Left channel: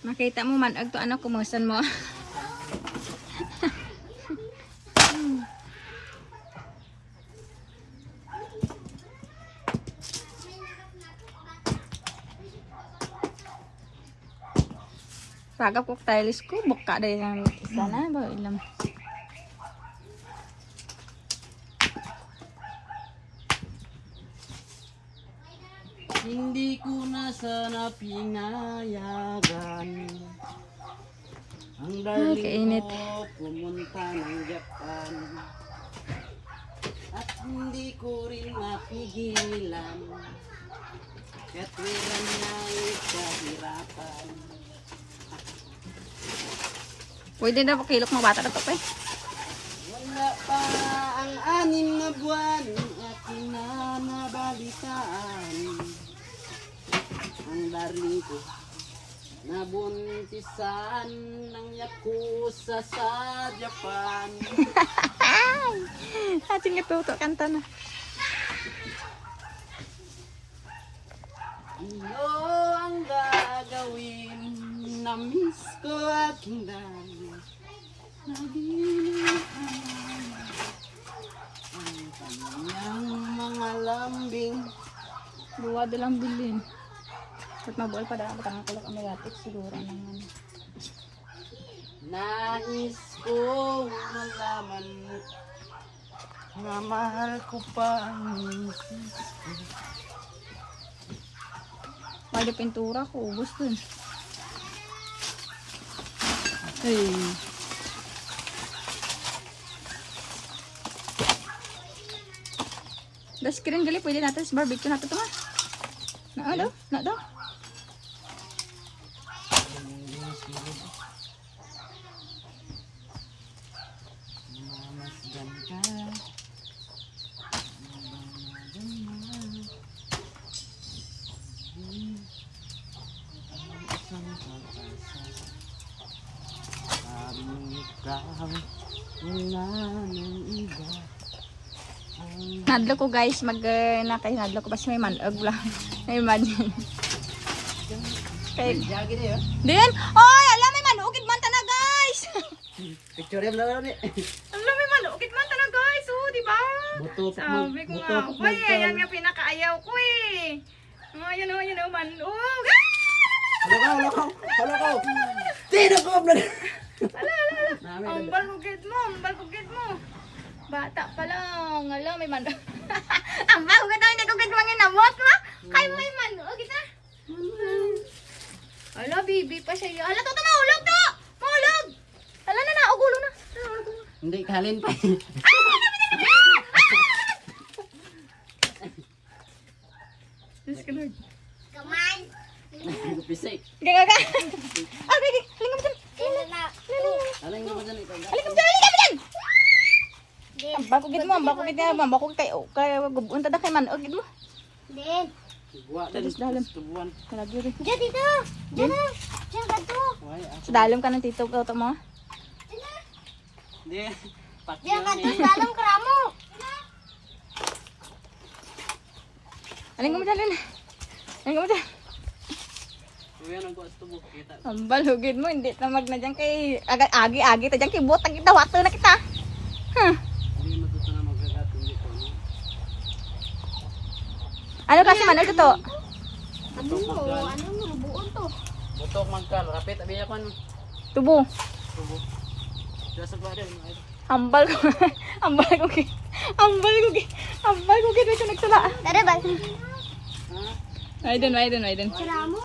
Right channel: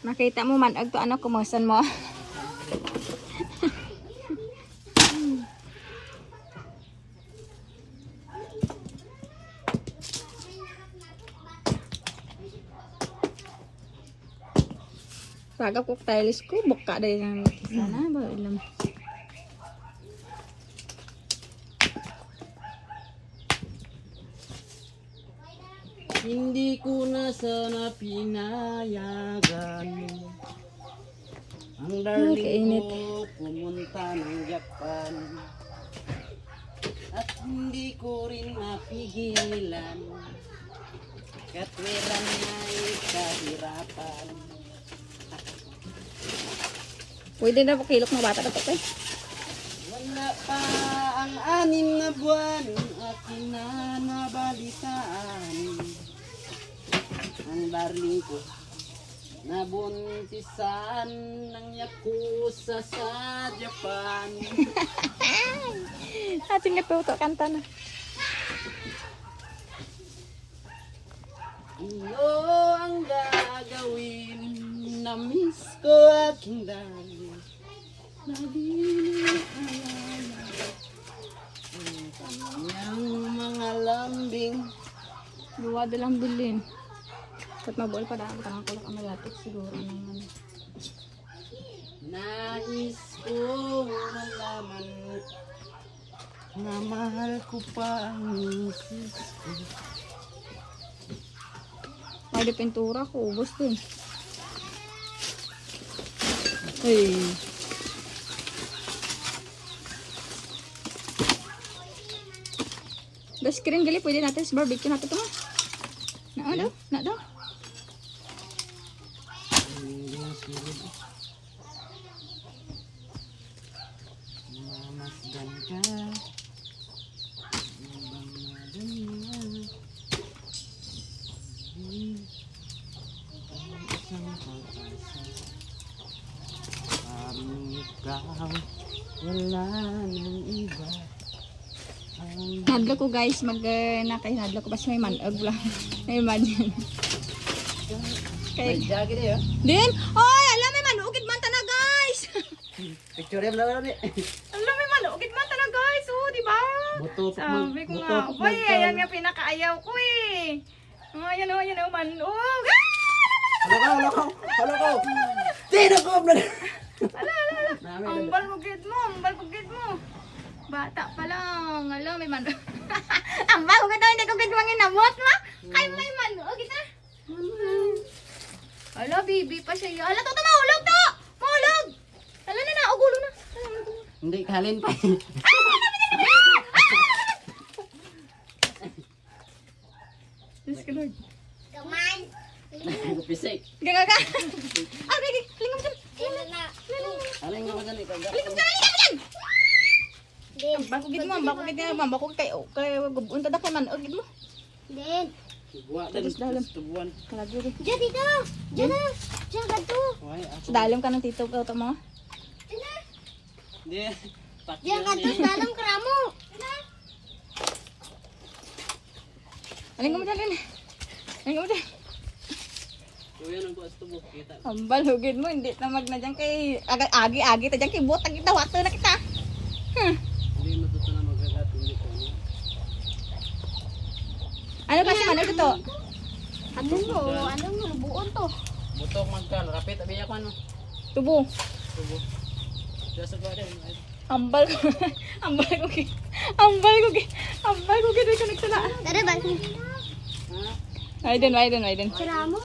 Nakita mo man agto ano kumusan mo. Sagap ko tiles ko buka dai yang sana ba ilam. Hindi ko na sana pinayagan ang darling kainit. ko pumunta ng Japan. At hindi ko rin mapigilan katwiran na kahirapan. Pwede na po kilok mo bata na to eh. Wala pa ang 6 na buwan aking na nabalitaan. Ang darling ko nabuntisan ng yakuza sa Japan. Ating natuto kanta na. Ano ang gagawin? Na-miss ko aking darling. Nagiling ang kanyang mga lambing. Luwado lang bilin. At mabuol pa dapat ang kulak ang magatik siguro naman. Nais ko malaman na mahal ko pa ang misis ko. May de pintura ko, ubos dun. Hey. Das screen gali pwede natin sa barbecue natin ito nga. Na daw? Na daw? Mamasdan ka. Wala ng iba. Nadlo ko guys, nadlo ko basta may manog lang. May imagine. Okay. Jagi na yun. Din! Oy! Alam may manugid man na guys! Picture yan lang ni. Alam may manugid man na guys! Oh, di ba? Sabi ko nga. Uy, ayan nga pinakaayaw ko eh. Oh, ayan o, manug! Halo ko. Tino ko na. Ala. Ambal kugid mo. Bata pa lang. Alam, may manug. Ambal kugid mo, hindi kugid mo nginamot mo. Kay may manug, kita. Ala, bibi pa siya. Ala, to, mahulog to! Mahulog! Ala na, ugulo na. Hindi, kalin pa. Diyos ka, Lord. Pisay. Gaga. Ah, gagi. Halingam dyan. Aling naman dyan ikaw. Halingam dyan. Ambal kugid mo. Ambal kugid kay gubun tada kay manug gid mo. Din. Igwa Tapos dalam. tubuan. Kalagyo rin. Diyan dito. Diyan na. Diyan ka to. Why? Sa dalam ka ng tito ka mo. Hindi. Diyan ka to. Patyo Dalam kramo. Halingam dyan. Halingam dyan. Kuya nang kuas tubo kita. Ambal hugid mo hindi na magna dyan kay agi-agi ta dyan kay butang kita wato na kita. Hindi matuto na magagat hindi ko. Ano kasi manug to? Ano buon to? Butok magkal. Rapit abi ako ano. Tubo. Tubo. Diya sa garden. Ambal ko. Ambal ko. Ambal ko gid ito nagsala. Tara ba? Ha? Aiden. Kramo.